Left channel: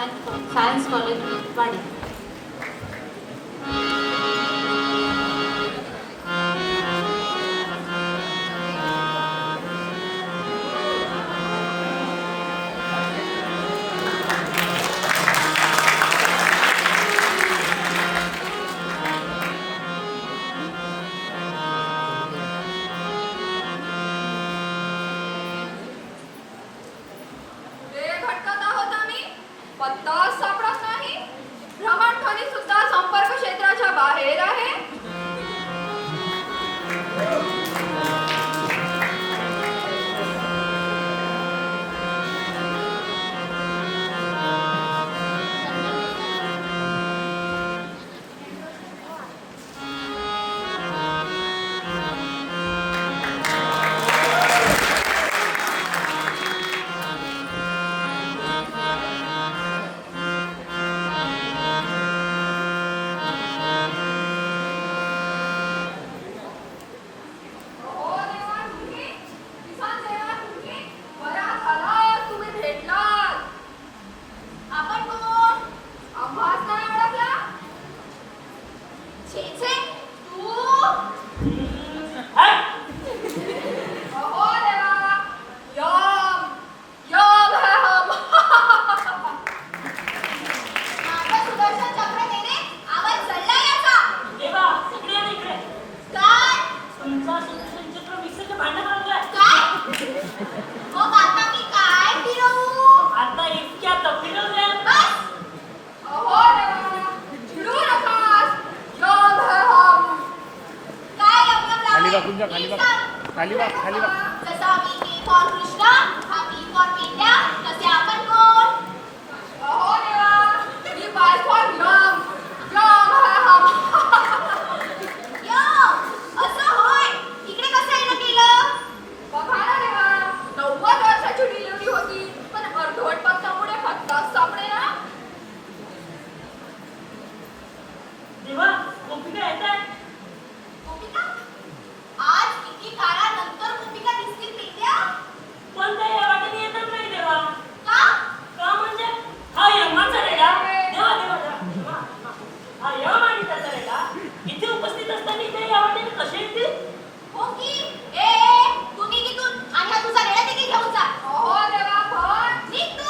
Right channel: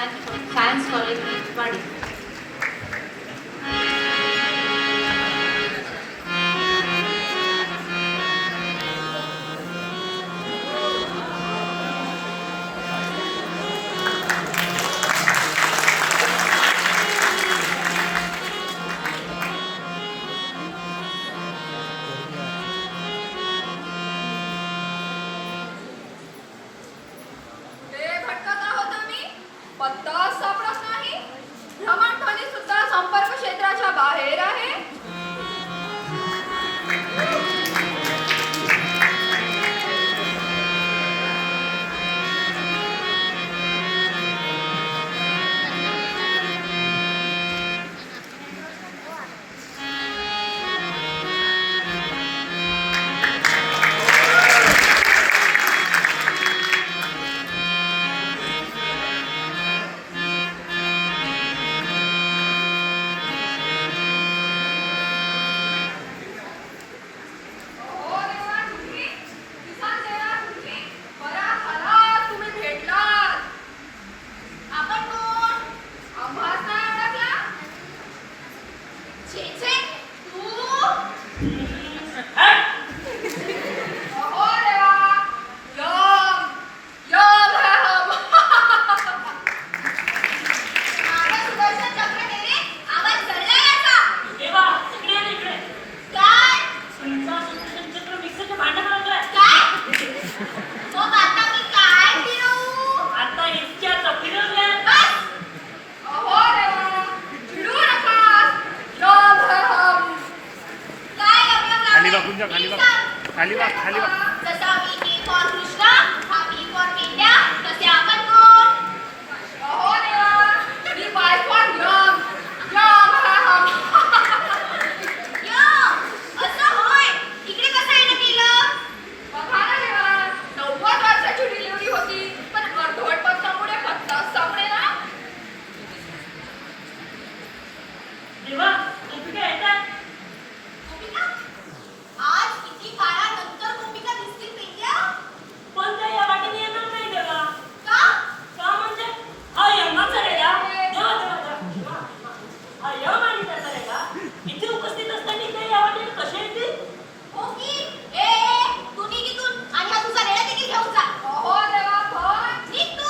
Science college वाडी. खाली वा जसा मी फॉर कृष्णा हा पी फॉर पेंड्या तसे आपण कोण अहो देवा मी बाय फॉर यम यम असं होय इकडे कसं येणं केलं बघा ना देवा 90 वर्षाची डिलिव्हरी होती पण अर्धवट पक्षामुळे खट्टाच सापडे ना देवा गोपिका येतात. गोपिका आज किती काळानंतर गोपिका दिसतील पेंड्या पण त्या या वाटेने येतच नाही देवा. का का म्हणजे हा यमाचा रेडा देवा देवा हा यम आणि त्याचा रेडा इथे उपस्थित असताना ते या वाटेने कसे येतील. हो की ए तू निघ इथून आणि हा तुझा रेडा देखील घेऊन जा अहो देवा पण निघ तू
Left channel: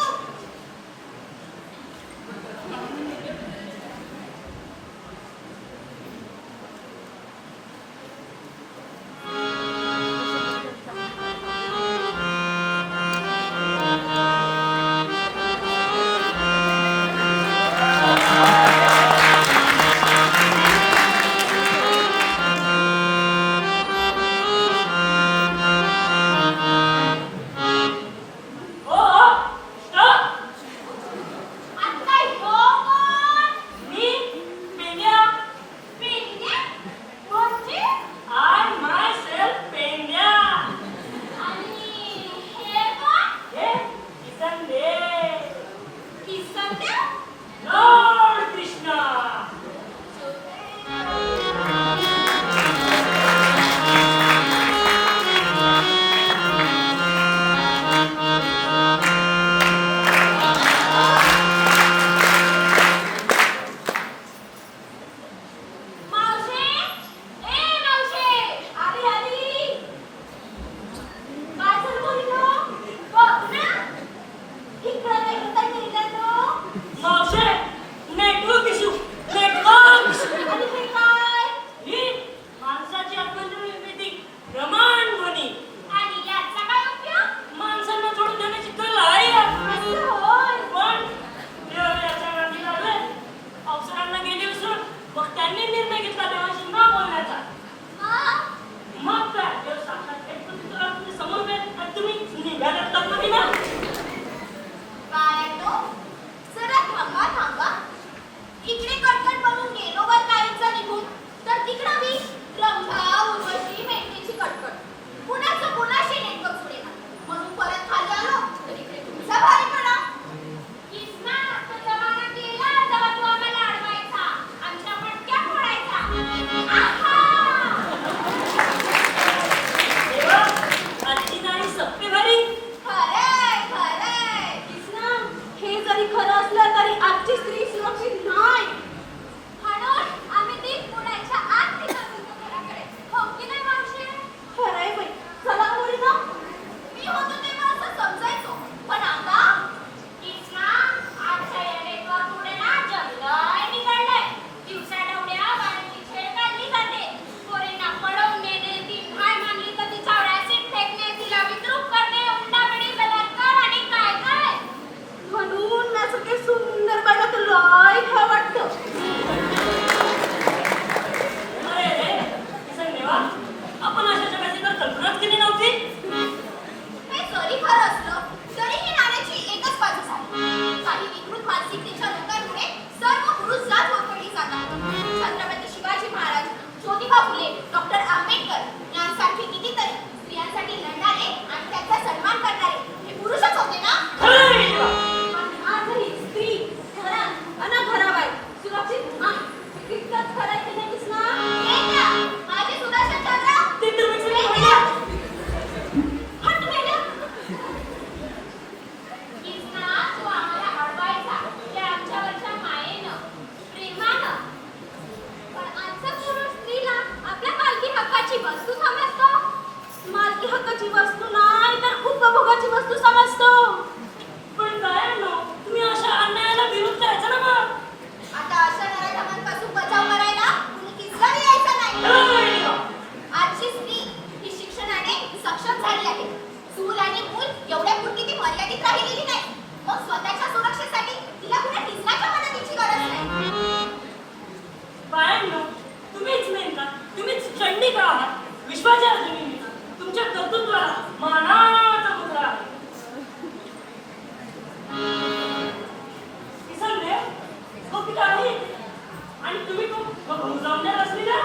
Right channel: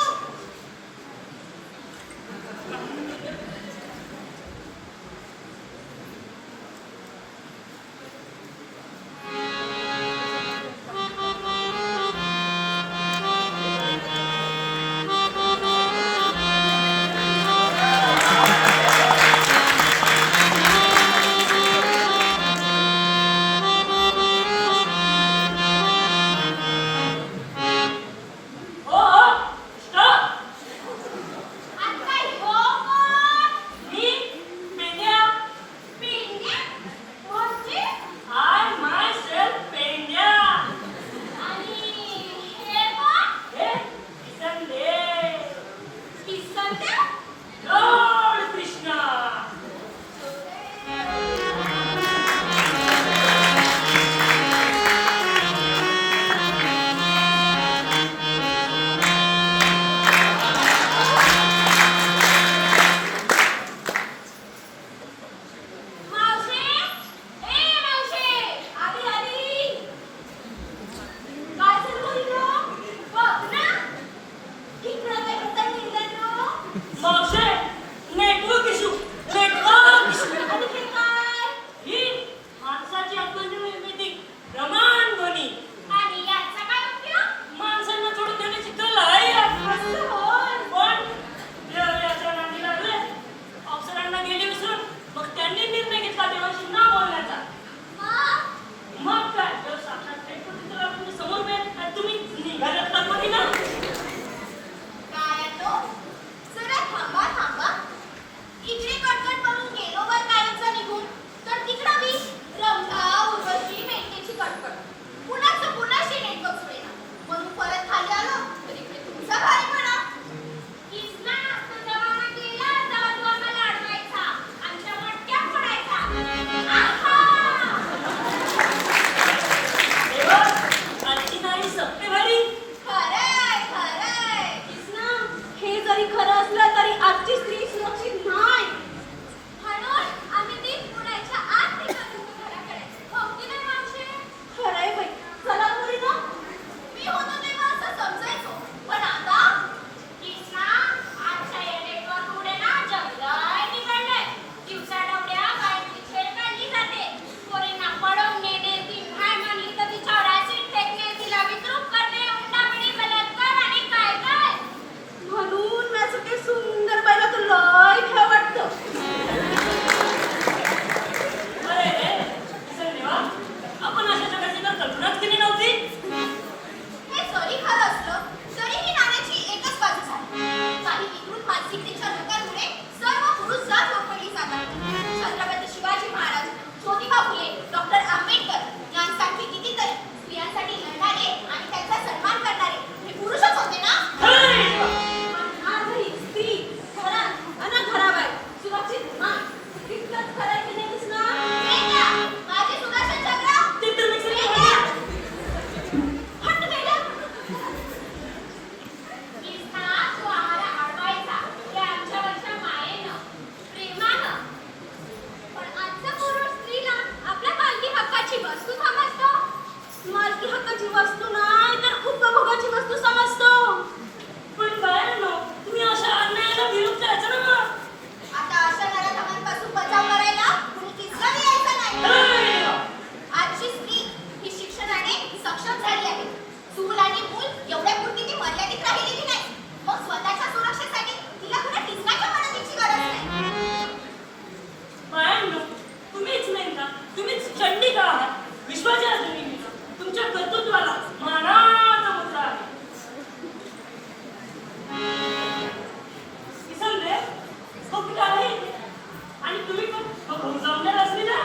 थांबा मानसिकतेच्या लोकांमुळे सर्व पुरुष जात होरपळली जातात. छत्रपती शिवाजी महाराज, ज्योतिबा फुले, डॉक्टर आंबेडकर यांसारखे कितीतरी स्त्रियांसाठी लढणारे आणि त्यांचा सन्मान करणारे हे पुरुषच होते ना. खरं आहे देवा. आणि आजही स्त्री घरात अन घराबाहेर सुरक्षित नाही. हे कितपत खरं आहे की नाही कृष्णा? हे घ्या, माझे सुदर्शन चक्र. ते तर मी सगळं हे पाहिलं. घ्या. हट मॅडम. कृष्णा, तू आम्हाला अडवायचा ते आमच्यावरच्या मायेनं, प्रेमानं. पण आजचा पुरुष स्त्रीला आपल्या मालकी हक्काची वस्तू समजतो. मालकी हक्काची वस्तू नाही तर उपभोगाची वस्तू समजतो. पण बायांनो, तुम्ही अशा अन्यायाला विरोध करायचा ना मग. आता अशा नराधमांपासून बचाव करायला कुणी किस्साही यायचा नाही. खरं आहे देवा. आजची स्त्री ही शिक्षणाने सक्षम झाली आहे. चूल आणि मूल एवढ्यापुरती ती मर्यादित राहिलेली नाही. मग स्वतःच्या सुरक्षेसाठी तिला कुणा किसनाच्या मदतीची गरज नाही. बायांनो, तुम्हीच नाही का, तुम्हीच चंडिका आहात. विश्वाच्या जमिनीचा तुमच्या कर्तृत्वाला मानाचा मुद्रा आहे. किसन देव, हो पिता आहे आणि तुम्ही पण जमणार असली ना